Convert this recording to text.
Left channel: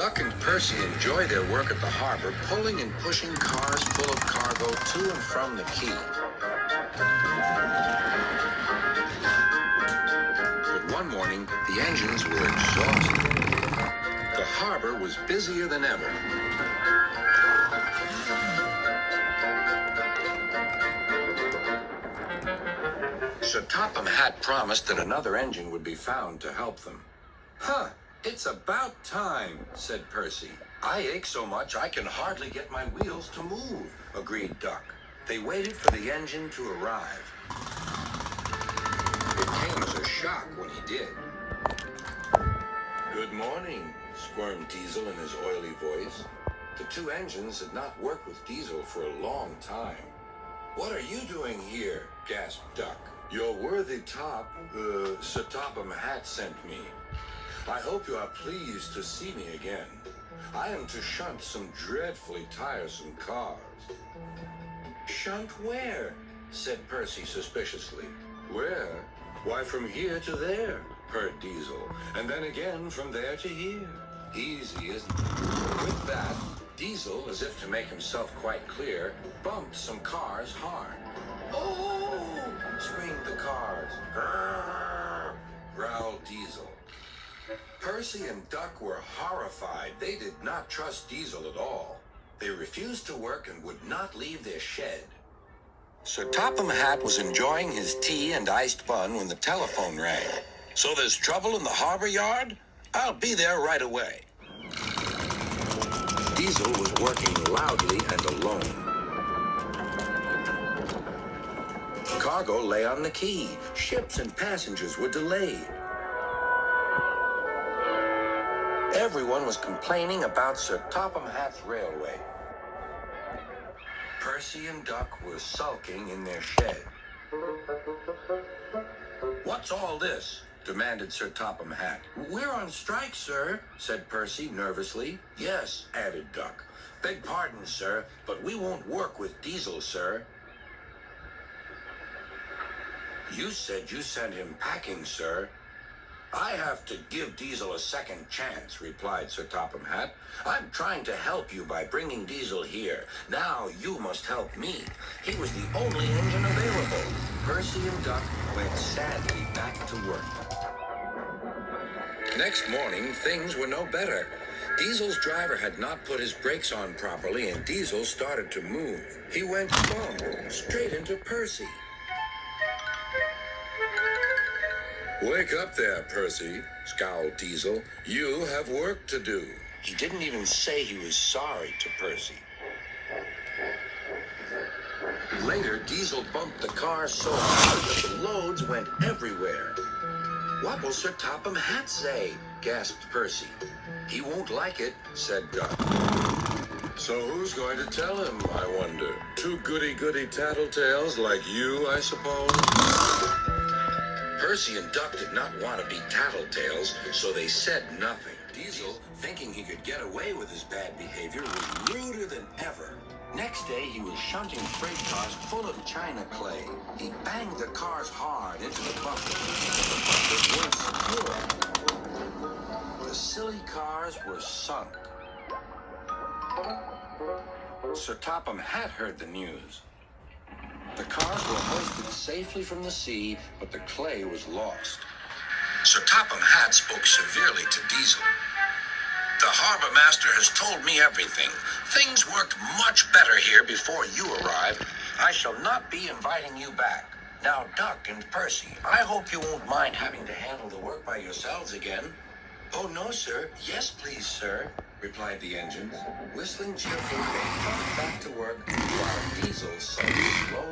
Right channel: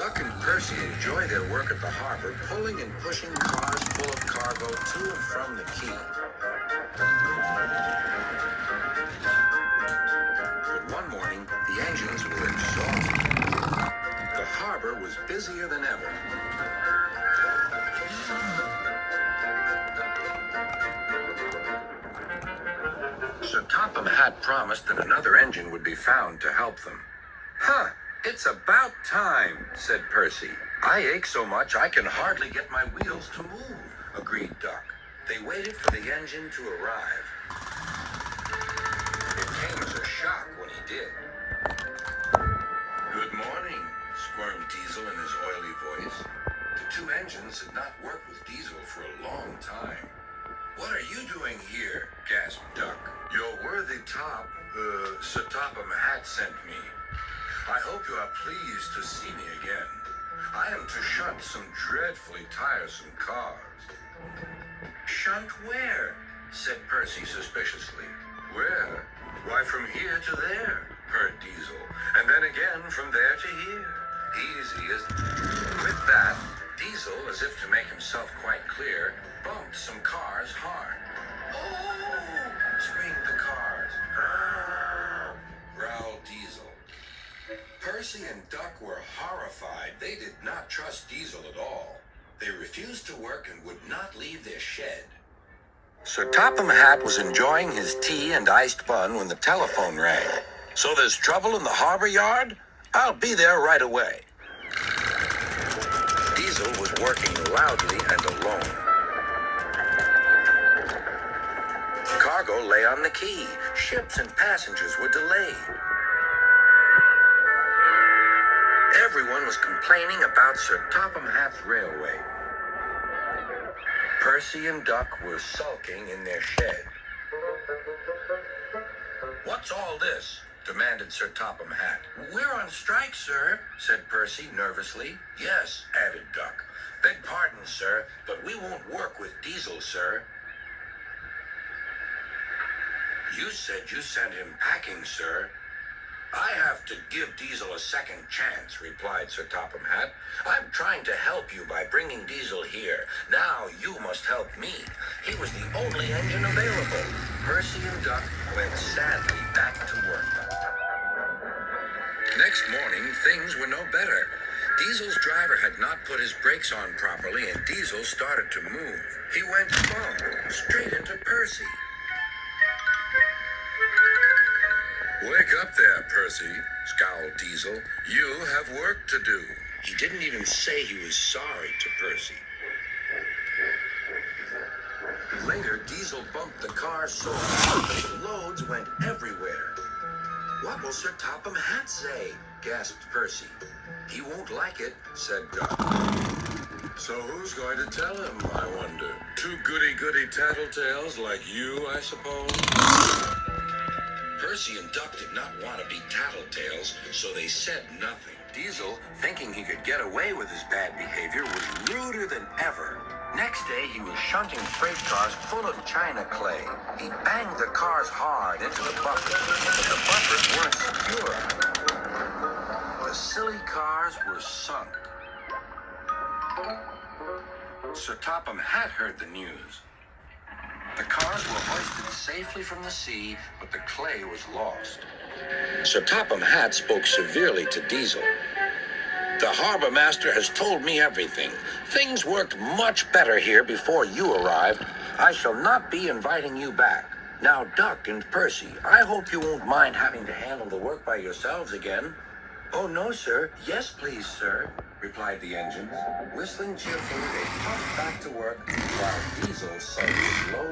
Duck and Percy enjoy their work at the harbor, pulling and pushing cars full of cargo to and from the quay. But one morning, the engines were exhausted. The harbor was busier than ever. Sir Topham Hatt promised that another engine would be found to help them. Huh, it's about time, said Percy. I ache so much I can hardly get my wheels to move, agreed Duck. They waited for the engine to arrive. It came as a shock when he did. Good morning, squirmed Diesel in his oily voice. The two engines had not worked with Diesel for a long time. What are you doing here? Gasped Duck. Your worthy top, Sir Topham Hatt sent me. I hope you are pleased to see me again. I am to shunt some dreadfully tiresome cars. Shunt where? Said Percy suspiciously. Where? Why, from here to there, purred Diesel, and then again from there to here. Easy, isn't it? With that, Diesel, as if to make himself quite clear, bumped some cars hard. Oh! Screamed the cars. Grrr! Growled Diesel. Percy and Duck were horrified. They did not trust Diesel at all. They refused to work and would not leave their shed. Sir Topham Hatt was enjoying his tea and iced bun when the telephone rang. So there's trouble in the harbor yard? I'll be there right away. Diesel was working loudly and alone. Cargo lay on the quay. Ships and passengers were delayed. Everyone was complaining about Sir Topham Hatt's railway. Percy and Duck were sulking in their shed. What's all this? Demanded Sir Topham Hatt. We're on strike, sir, said Percy nervously. Yes, added Duck. Beg pardon, sir, but we won't work with Diesel, sir. You said you sent him packing, sir. I have to give Diesel a second chance, replied Sir Topham Hatt. I'm trying to help you by bringing Diesel here. Now you must help me. He was the only engine available. Percy and Duck went sadly back to work. Next morning, things were no better. Diesel's driver had not put his brakes on properly, and Diesel started to move. He went bump straight into Percy. Wake up there, Percy, scowled Diesel. You have work to do. He didn't even say he was sorry to Percy. Later, Diesel bumped the car so hard that the loads went everywhere. What will Sir Topham Hatt say? Gasped Percy. He won't like it, said Duck. So who's going to tell him, I wonder? Two goody-goody tattletales like you, I suppose? Percy and Duck did not want to be tattletales, so they said nothing. Diesel, thinking he could get away with his bad behavior, was ruder than ever. Next day, he was shunting freight cars full of china clay. He banged the cars hard into the buffers. The buffers weren't secure. The silly cars were sunk. Sir Topham Hatt heard the news. The cars were hoisted safely from the sea, but the clay was lost. Sir Topham Hatt spoke severely to Diesel. The harbor master has told me everything. Things worked much better here before you arrived. I shall not be inviting you back. Now, Duck and Percy, I hope you won't mind having to handle the work by yourselves again. Oh, no, sir. Yes, please, sir, replied the engines. Whistling cheerfully, they puffed back to work while Diesel sunk slowly.